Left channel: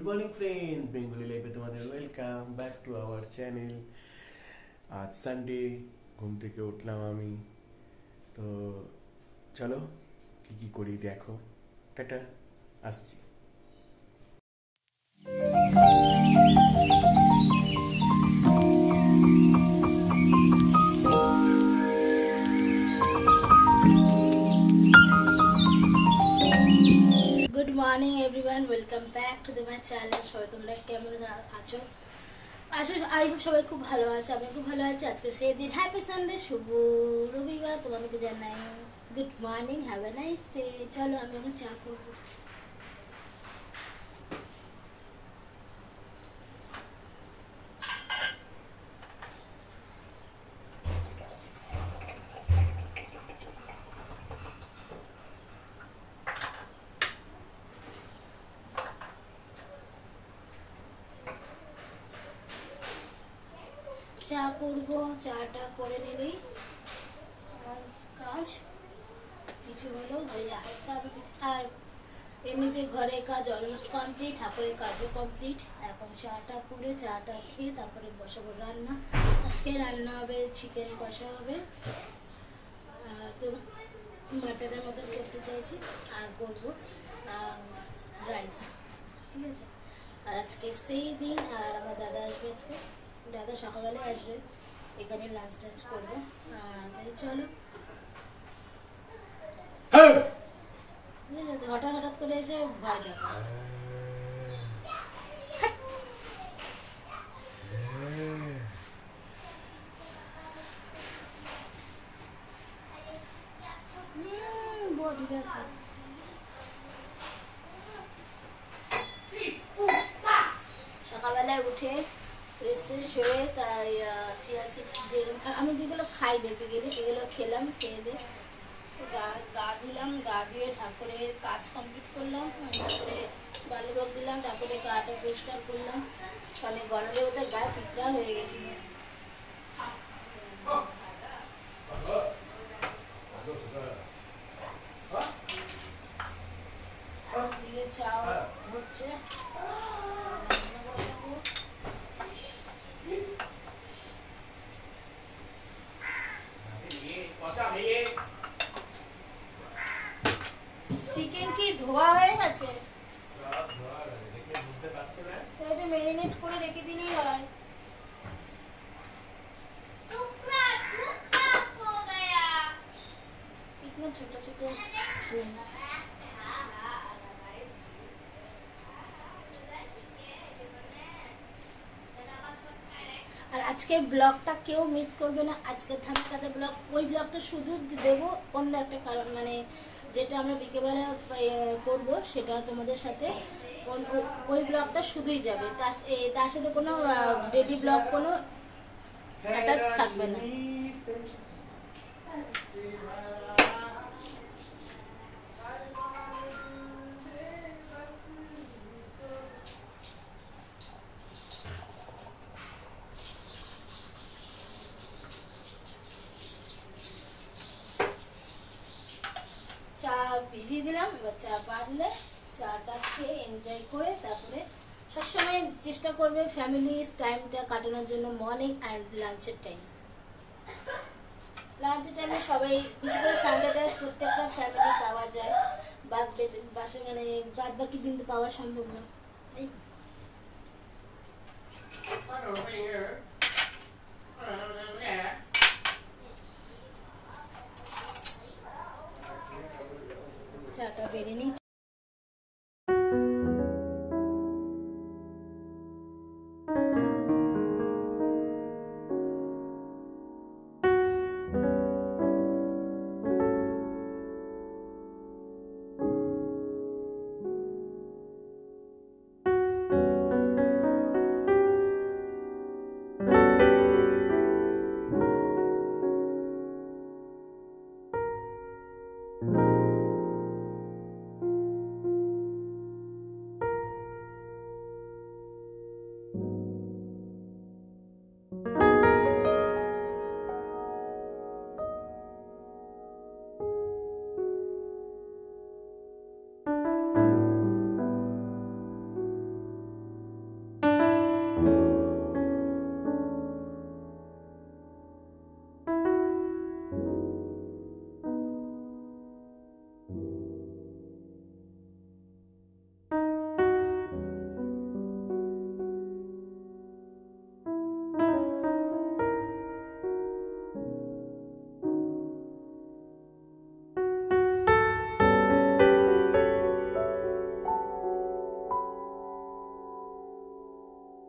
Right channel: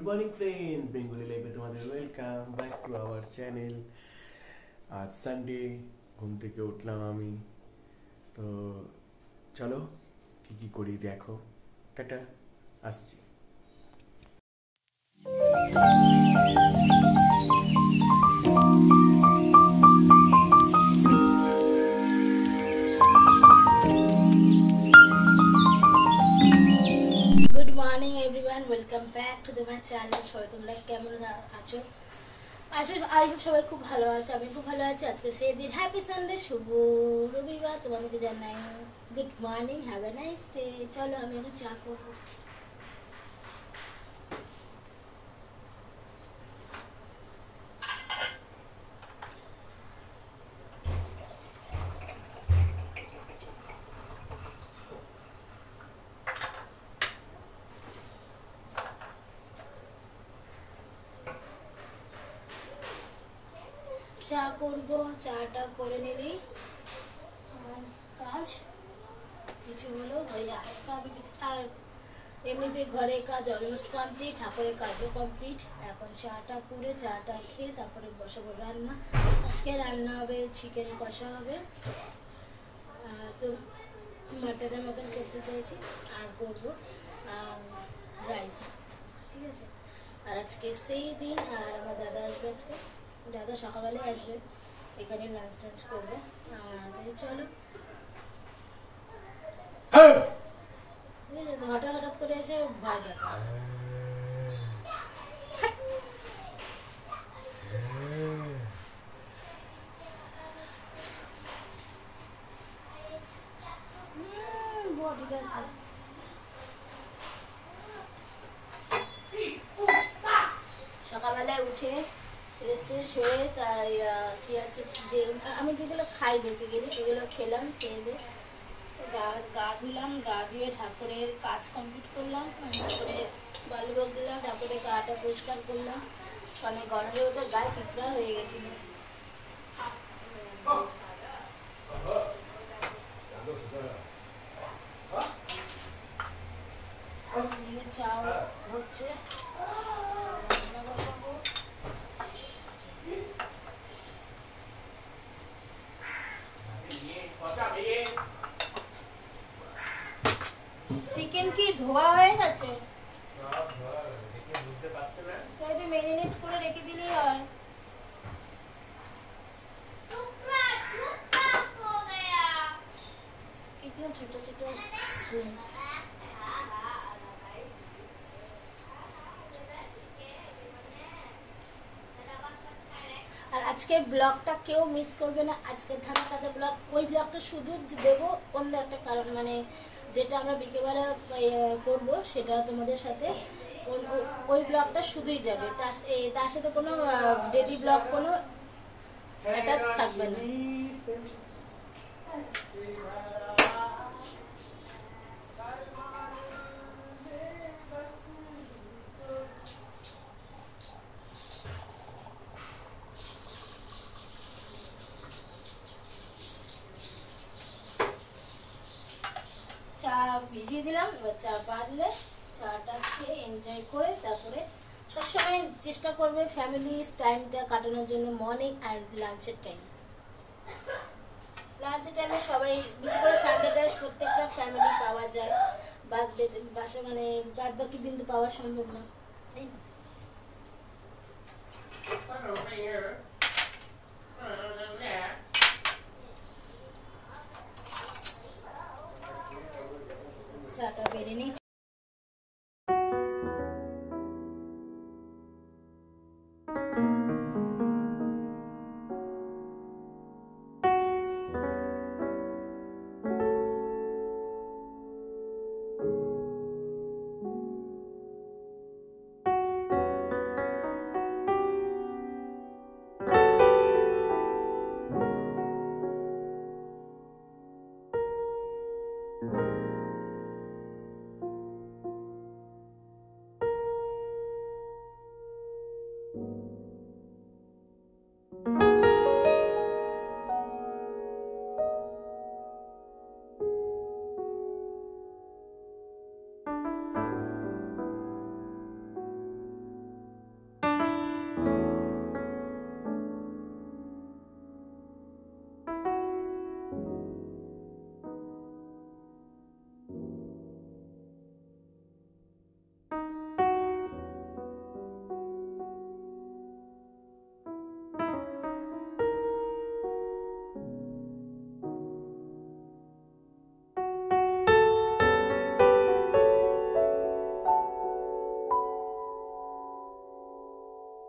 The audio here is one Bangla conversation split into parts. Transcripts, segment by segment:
গুড মর্নিং ফ্রেন্ডস, বেঙ্গলি লাইফে তোমাদের welcome back to our channel. আজ সানডে, ঘুম থেকে উঠলাম আমি। তো চলো কি কি করি দেখো। টাটা, আসছি। Good morning everyone, welcome back to my channel. সবাই তোমরা কেমন আছো? আসলে আই হোপ সবাই খুব ভালো আছে, আমি খুব ভালো আছি। আজকে সেই দিন, হ্যাপি সানডে, শুভ রবিবার। তোমাদেরকে জানাই good morning, have a nice day. চলো আমি এখন চা করবো। চা করবো, চাটা করে নিলেই আমার কাজ কিছু হলো হয়ে যায়। আর এমনিতে ঘরের কাজ অলমোস্ট কমপ্লিট, ঠাকুরের কাজও কমপ্লিট। এখন চাটা করে, চাটা খেয়ে তারপরে বসাবো রান্না। আজকে রান্না হবে চিকেন কষা হবে, তো মাটনের মতন করতে চাইছি। আর করবো রাইস, ঠিক আছে। আর আজকে সেই দিন, আর আমার দাদা আসবে আজকে। দাদা সকালবেলায় আসবে, এখানে লাঞ্চ টাঞ্চ করবো। তাই চলো, হঠাৎ হঠাৎ করে এসে ভয় দেখা। সকালবেলায় উঠে রেস্টে শুয়ে তাই চিয়া সিড, যে আমি যেগুলো খাই বেসিক্যালি সেগুলো খেলাম। খেয়ে দিয়ে গা ধুলাম, গা ধুয়ে ঠাকুরের কাজ কমপ্লিট করলাম। তারপরে বালুভোগ দিলাম, তারপরে গাটা পরিষ্কার করলাম। অনেক গরমের মধ্যে গায়ে পিঁপড়া হয়ে গেছিল। চা হচ্ছে, চিকেন কি ধোয়া হয়ে গেছে? ম্যারিনেট করে রেখে দিলেই হয়। ইতনা ছোট ছোট স্পুন। আর আজকে ব্লগটা কেউ মিস করবে না। আজকে ধামাকাতে ব্লগ, ওই ব্লগটা শুধু দেবো অন্য একটা কারণ, মানে যেটা আমরা বিকেলবেলা করবো সেটা তোমাদের সাথে, ওই ব্লগটা শুধুই যাবে। তার সাথে কোনো ডেলি ব্লগ কোনো অ্যাটাচ থাকবে না। চা ভিজিয়ে দিলাম, এবার চা বাড়লে চাটা খেয়ে এনজয় করে তারপরে সবসময় চেষ্টা করবে ফ্যামিলি টাইমটা কাটানোর জন্য। মর্নিং অ্যান্ড লাঞ্চের টাইম, লাঞ্চের টাইমে সবাই, বিশেষ করে সানডেটা প্রত্যেকটা ফ্যামিলি পাওয়া যায়। বাসা মানে বাদ বাকি দিন তো পাওয়া সম্ভব না, তাই না? চাটা বেড়ে নিই।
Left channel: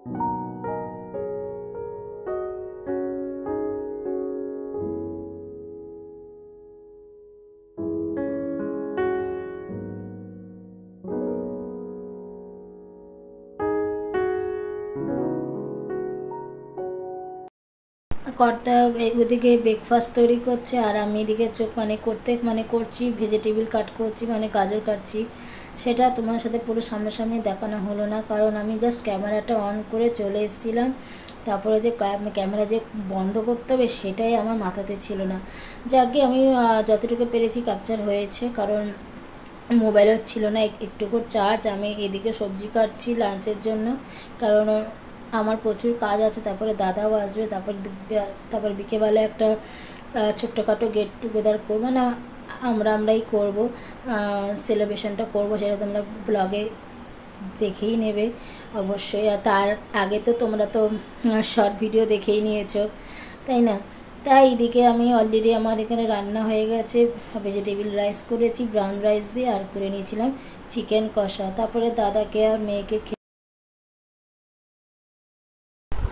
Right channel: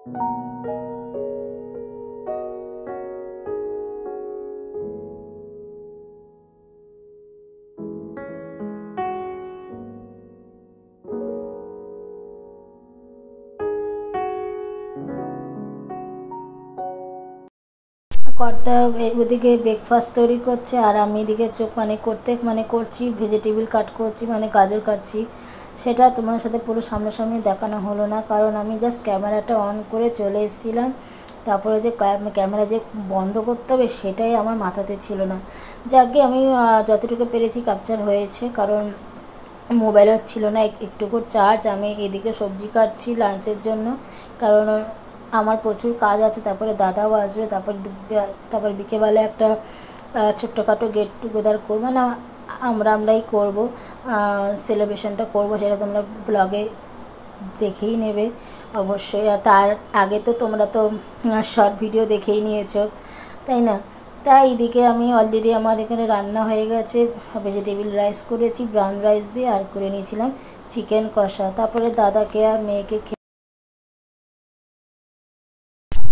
কর্তা ওদিকে ব্রেকফাস্ট তৈরি করছে আর আমি এদিকে চোখ করছি, ভেজিটেবল কাট করছি, গাজর কাটছি। সেটা তোমার সাথে পুরো সামনাসামনি দেখানো হলো না, কারণ আমি জাস্ট ক্যামেরাটা অন করে চলে এসেছিলাম। তারপরে যে ক্যামেরা যে বন্ধ করতে হবে সেটাই আমার মাথাতে ছিল না। যাকে আমি যতটুকু পেরেছি ক্যাপচার হয়েছে, কারণ মোবাইলও ছিল না একটুকু চার্জ। আমি এদিকে সবজি কাটছি লাঞ্চের জন্য, কারণ আমার প্রচুর কাজ আছে। তারপরে দাদাও আসবে, তারপর বিকেলবেলা একটা ছোট্টখাটো গেট টুগেদার করবো, না আমরাই করব, সেলিব্রেশনটা করব। সেটা তোমরা ব্লগে দেখেই নেবে অবশ্যই। আর তার আগে তো তোমরা তো শর্ট ভিডিও দেখেই নিয়েছো, তাই না? তাই এদিকে আমি অলরেডি আমার এখানে রান্না হয়ে গেছে। ভেজিটেবল রাইস করেছি ব্রাউন রাইস দিয়ে, আর করে নিয়েছিলাম চিকেন কষা। তারপরে দাদাকে আর মেয়েকে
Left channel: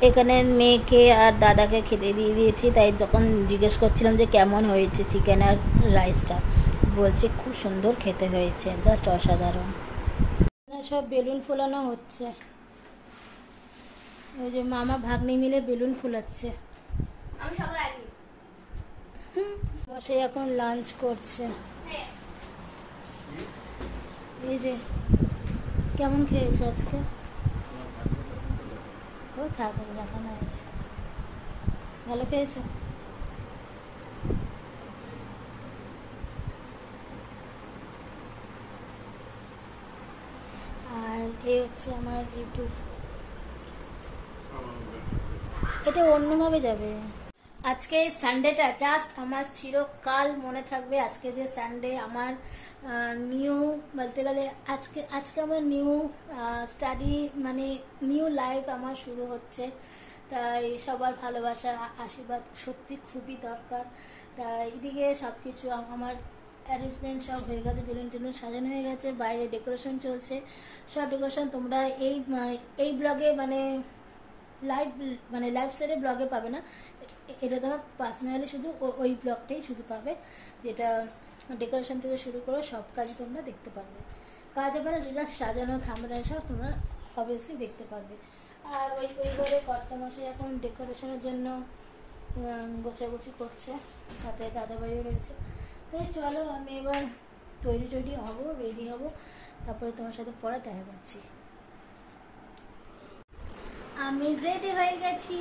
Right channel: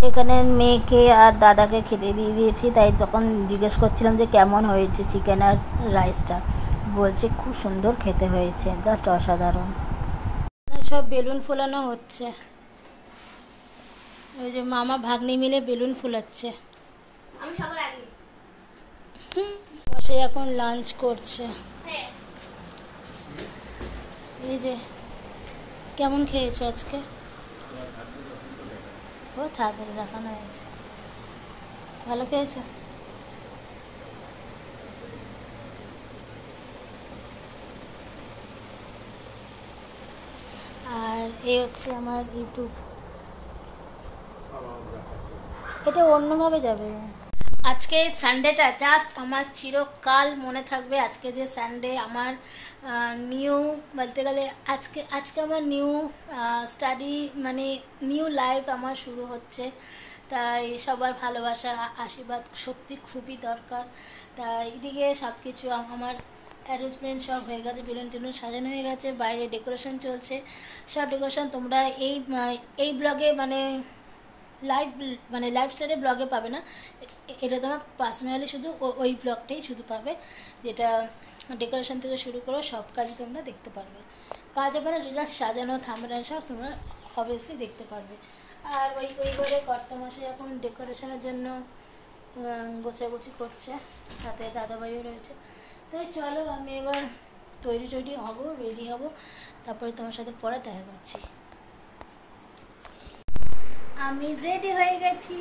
এখানে মেয়েকে আর দাদাকে খেতে দিয়ে দিয়েছি। তাই যখন জিজ্ঞেস করছিলাম যে কেমন হয়েছে চিকেন আর রাইসটা, বলছে খুব সুন্দর খেতে হয়েছে, জাস্ট অসাধারণ। সব বেলুন ফোলানো হচ্ছে, ওই যে মামা ভাগ্নি মিলে বেলুন ফোলাচ্ছে। আমি সবার আগে বসে এখন লাঞ্চ করছে। এই যে কেমন খেয়েছো আজকে? ও থাকে দেখানো হয়েছে, ভালো খেয়েছো? আর এই হচ্ছে আমার ইউটিউব, এটা অন্যভাবে যাবে। আজকে সানডেটা জাস্ট আমার চিরকাল মনে থাকবে। আজকে যে সানডে আমার নিউ বলতে গেলে আজকে আমার নিউ স্টাডি নিউ লাইফ আমার শুরু হচ্ছে। তাই সবার ভালোবাসা আশীর্বাদ সত্যি খুবই দরকার। তাই এদিকে সব কিছু আমার অ্যারেঞ্জমেন্ট সব হয়ে গেছে, বেলুন টেলুন সাজানো হয়ে গেছে, বাইরে ডেকোরেশন চলছে। সব ডেকোরেশন তোমরা এই ব্লগে লাইভ স্টাইলে ব্লগে পাবে না, এটা তোমার পার্সোনালি শুধু ওই ব্লগটাই শুধু পাবে, যেটা ডেকোরেশন থেকে শুরু করে সব কাজই তোমরা দেখতে পারবে। কাজ হবে না, যেটা সাজানো থামড়া সব তোমরা অবভিয়াসলি দেখতে পারবে। আর ওই ঘরে কর্তামশাই এখন ডেকোরেশনের জন্য গোছাগুছি করছে, সাথে দাদাভাইও রয়েছে। তাই চলো আমি এবার রেডি হব, তারপরে তোমার সাথে পরে দেখা করছি। আমি রেডি হয়ে গেছি।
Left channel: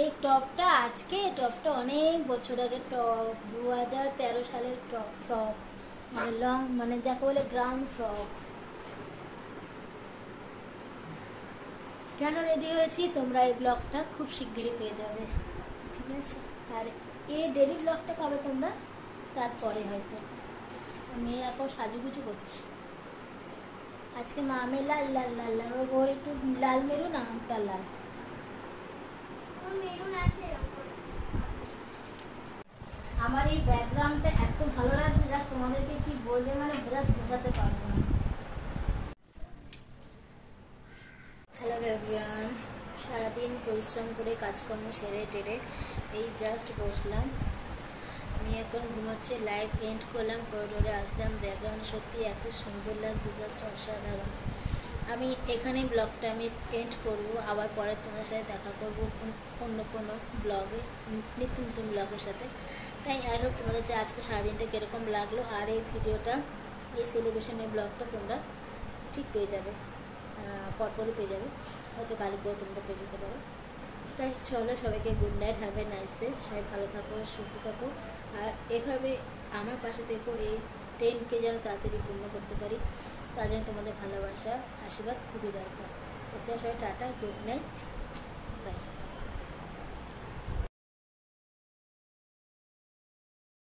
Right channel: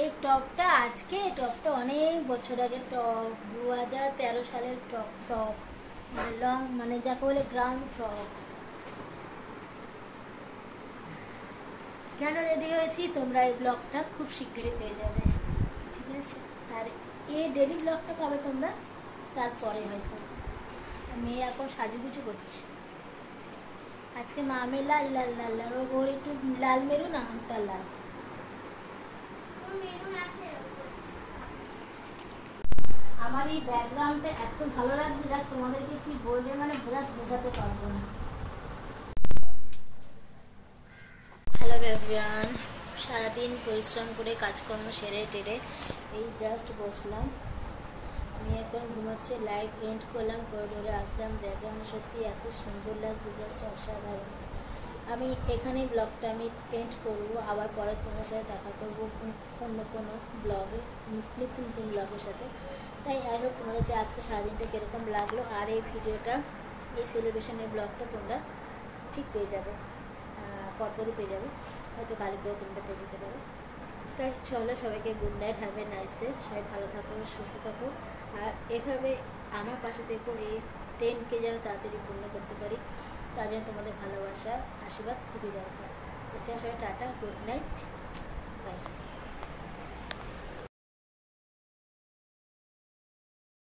এই টপটা অনেক বছর আগে টপ, 2013 সালের ফ্রক, লং যাকে বলে গ্রাউন্ড ফ্রক। কেন রেডি হয়েছি তোমরা এই ব্লগটা খুব শীঘ্রই পেয়ে যাবে, ঠিক আছে? আর এই ডেলি ব্লগটা পাবে তোমরা তারপরে হয়তো। আমি এখন সাজুগুজু করছি। আজকে মামে লাল লাল লাল লাল, ওর একটু লাল মেরুন, আমটা লাল। আমার এই ব্যাকগ্রাউন্ডটা এত ভালো লাগছে, জাস্ট তোমাদেরকে কি বলবে বোঝাতে পারবো না। হ্যালো এভরিওয়ান, সারাদিন পরিশ্রম করে কাজকর্ম সেরে টেরে এই জাস্ট বসলাম। আমি এখন ঘুমাচ্ছি, লাইট এন্ড করলাম, করিডোরে আসলাম, দেখলাম সত্যি এত সুন্দর লাগছে, জাস্ট অসাধারণ। আমি এখানে ব্লগটা আমি এন্ড করবো, আবার পরে তোমার সাথে দেখা করবো অন্য কোনো ব্লগে, নিত্য নতুন ব্লগের সাথে। তাই আই হোপ তোমাদের যে আজকে সারাদিনটা কীরকম লাগলো। আর এই ভিডিওটা, এই সেলিব্রেশনের ব্লগটা তোমরা ঠিক পেয়ে যাবে, পরপরই পেয়ে যাবে, হয়তো কালকেও তোমরা পেয়ে যেতে পারো। তাই চলো, সবাইকে good night, have a nice day. সবাই ভালো থাকো, সুস্থ থাকো, আর এভাবে আমার পাশে থেকো, এই 10K যেন তাড়াতাড়ি পূর্ণ করতে পারি, তার জন্য তোমাদের ভালোবাসা আশীর্বাদ খুবই দরকার। আচ্ছা সবাই টাটা, গুড নাইট, বাই।